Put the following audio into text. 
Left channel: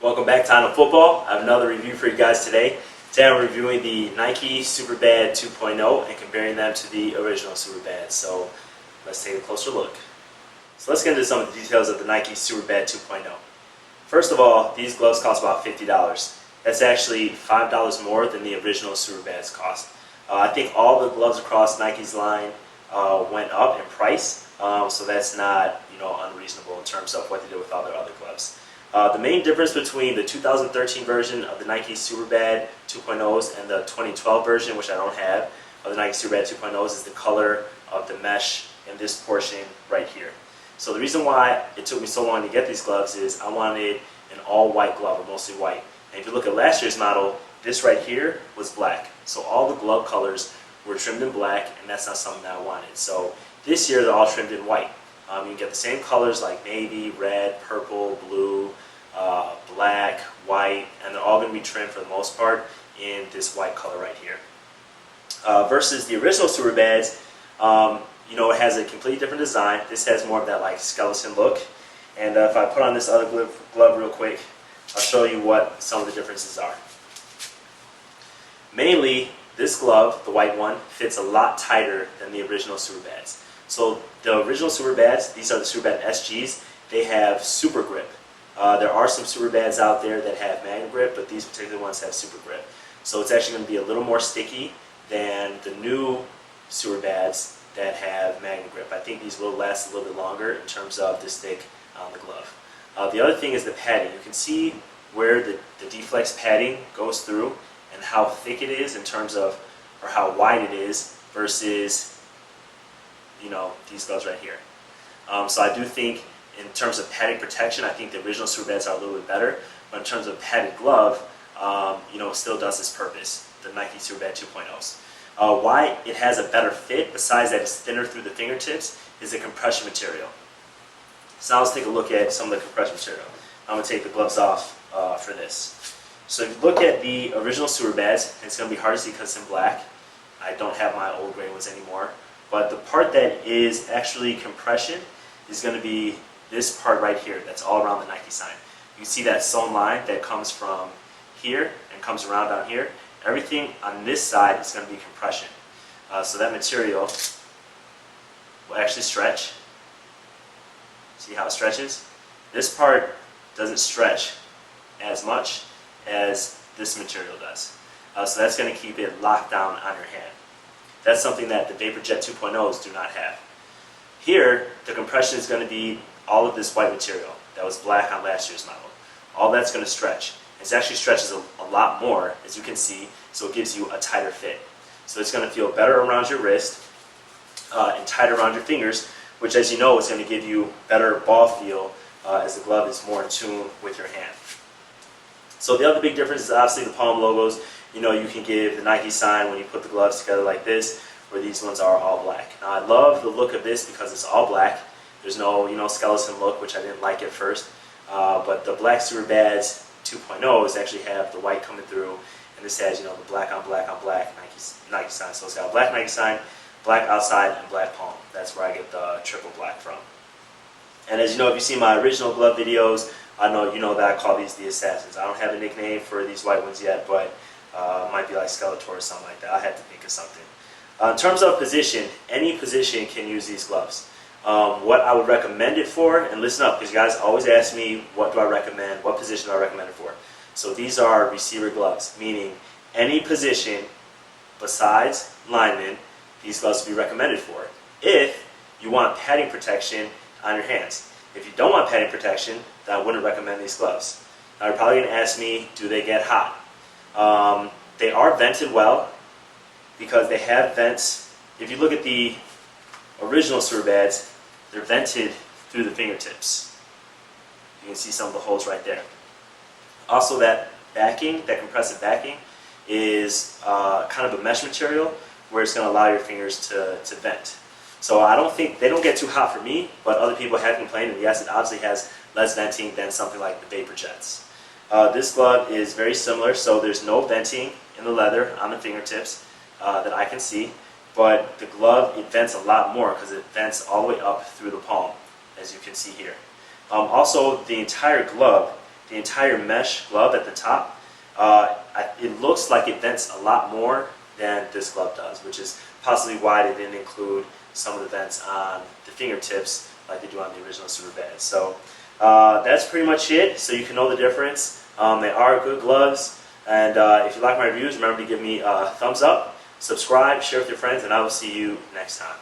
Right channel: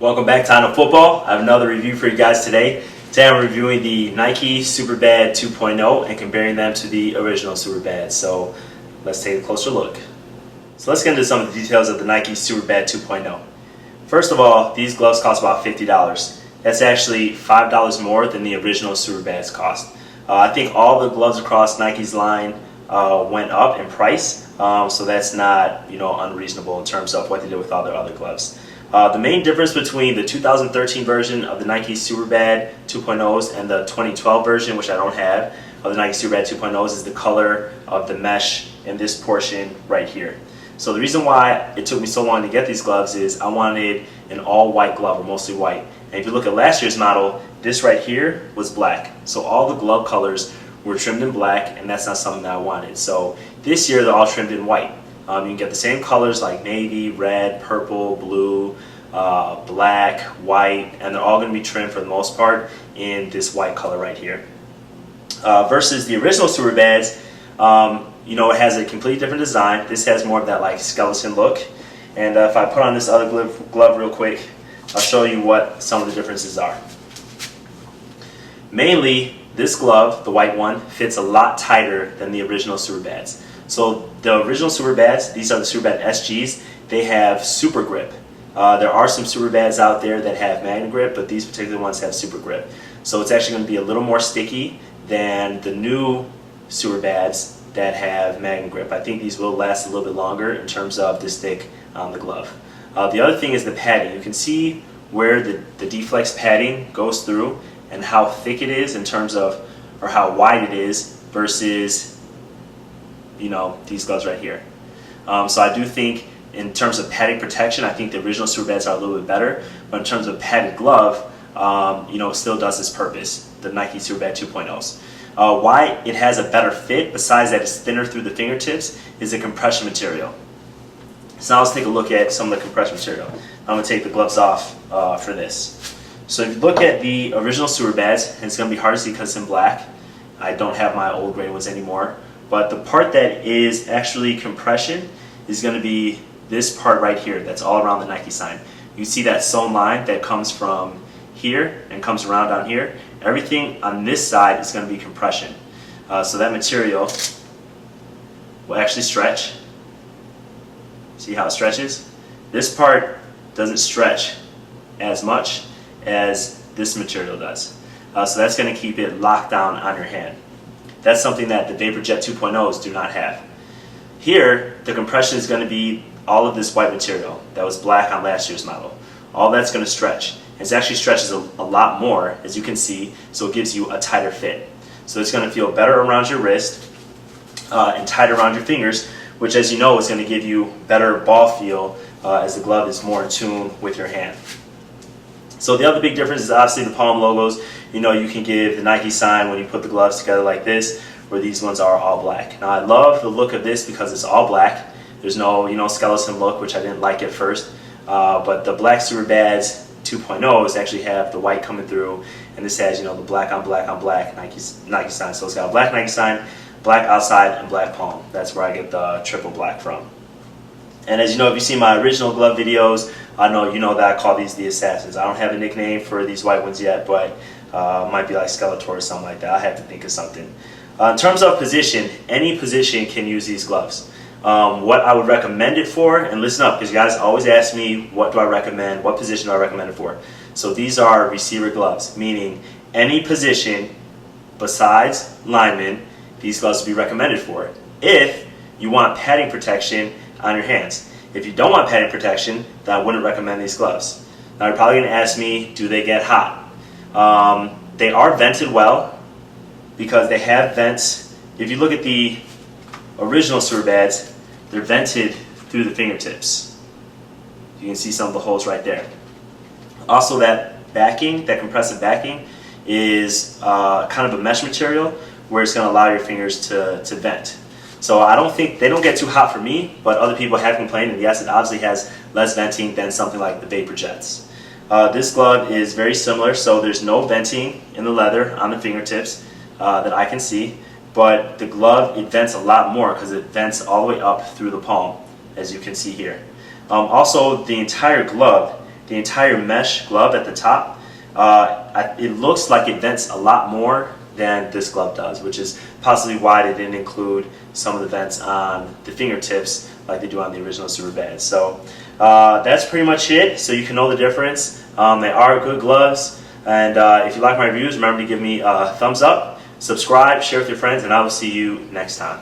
Welcome back to Untitled Football. I have another review for you guys today. Today I'm reviewing the Nike Superbad 2.0 and comparing them to the original Superbad. So let's take a closer look. So let's get into some of the details of the Nike Superbad 2.0. First of all, these gloves cost about $50. That's actually $5 more than the original Superbads cost. I think all the gloves across Nike's line went up in price, so that's not unreasonable in terms of what they did with all their other gloves. The main difference between the 2013 version of the Nike Superbad 2.0s and the 2012 version, which I don't have, of the Nike Superbad 2.0s is the color of the mesh in this portion right here. So the reason why it took me so long to get these gloves is I wanted an all-white glove, or mostly white. And if you look at last year's model, this right here was black. So all the glove colors were trimmed in black, and that's not something that I wanted. So this year they're all trimmed in white. You can get the same colors like navy, red, purple, blue, black, white, and they're all going to be trimmed for the most part in this white color right here. Versus the original Superbads, it has a completely different design. This has more of that like skeleton look. And if I put on this other glove real quick, I'll show you what some of the differences are. Mainly, this glove, the white one, fits a lot tighter than the original Superbads. So the original Superbads, these are the Superbad SGs, they have super grip. There are some Superbads out there that have Magnum grip, but these particular ones have super grip. So it's actually going to be a little more sticky than the new Superbads that have Magnum grip. I think these will last a little bit longer in terms of the stick on the glove. The other thing is the padding. You can see where the D-Flex padding goes through and how thick it is in terms of, or how wide it is versus these gloves right here. So I do think in terms of padding protection, I think the original Superbads are a little bit better, but in terms of padded glove, it still does its purpose, the Nike Superbad 2.0s. Why it has a better fit, besides that it's thinner through the fingertips, is the compression material. So now let's take a look at some of the compression material. I'm going to take the gloves off for this. So if you look at the original Superbads, it's going to be hard to see because it's in black. I don't have my old gray ones anymore. But the part that is actually compression is going to be this part right here that's all around the Nike sign. You see that sewn line that comes from here and comes around down here. Everything on this side is going to be compression. So that material will actually stretch. See how it stretches? This part doesn't stretch as much as this material does. So that's going to keep it locked down on your hand. That's something that the VaporJet 2.0s do not have. Here, the compression is going to be all of this white material that was black on last year's model. All that's going to stretch. It actually stretches a lot more, as you can see, so it gives you a tighter fit. So it's going to feel better around your wrist and tighter around your fingers, which, as you know, is going to give you better ball feel as the glove is more in tune with your hand. So the other big difference is obviously the palm logos. You can give the Nike sign when you put the gloves together like this, where these ones are all black. Now I love the look of this because it's all black. There's no skeleton look, which I didn't like at first. But the black Superbads 2.0s actually have the white coming through, and this has the black on black on black Nike sign. So it's got a black Nike sign, black outside, and black palm. That's where I get the triple black from. And as you know, if you've seen my original glove videos, I know that I call these the Assassins. I don't have a nickname for these white ones yet, but it might be like Skeletor or something like that. I have to think of something. In terms of position, any position can use these gloves. What I would recommend it for, and listen up, because you guys always ask me what do I recommend, what position do I recommend it for. So these are receiver gloves, meaning any position besides lineman, these gloves will be recommended for if you want padding protection on your hands. If you don't want padding protection, then I wouldn't recommend these gloves. Now you're probably going to ask me, do they get hot? They are vented well because they have vents. If you look at the original Superbads, they're vented through the fingertips. You can see some of the holes right there. Also, that backing, that compressive backing, is kind of a mesh material where it's going to allow your fingers to vent. So I don't think, they don't get too hot for me, but other people have complained, and yes, it obviously has less venting than something like the VaporJets. This glove is very similar, so there's no venting in the leather on the fingertips that I can see, but the glove, it vents a lot more because it vents all the way up through the palm, as you can see here. Also, the entire glove the entire mesh glove at the top, it looks like it vents a lot more than this glove does, which is possibly why they didn't include some of the vents on the fingertips like they do on the original Superbad. So that's pretty much it, so you can know the difference. They are good gloves, and if you like my reviews, remember to give me a thumbs up, subscribe, share with your friends, and I will see you next time.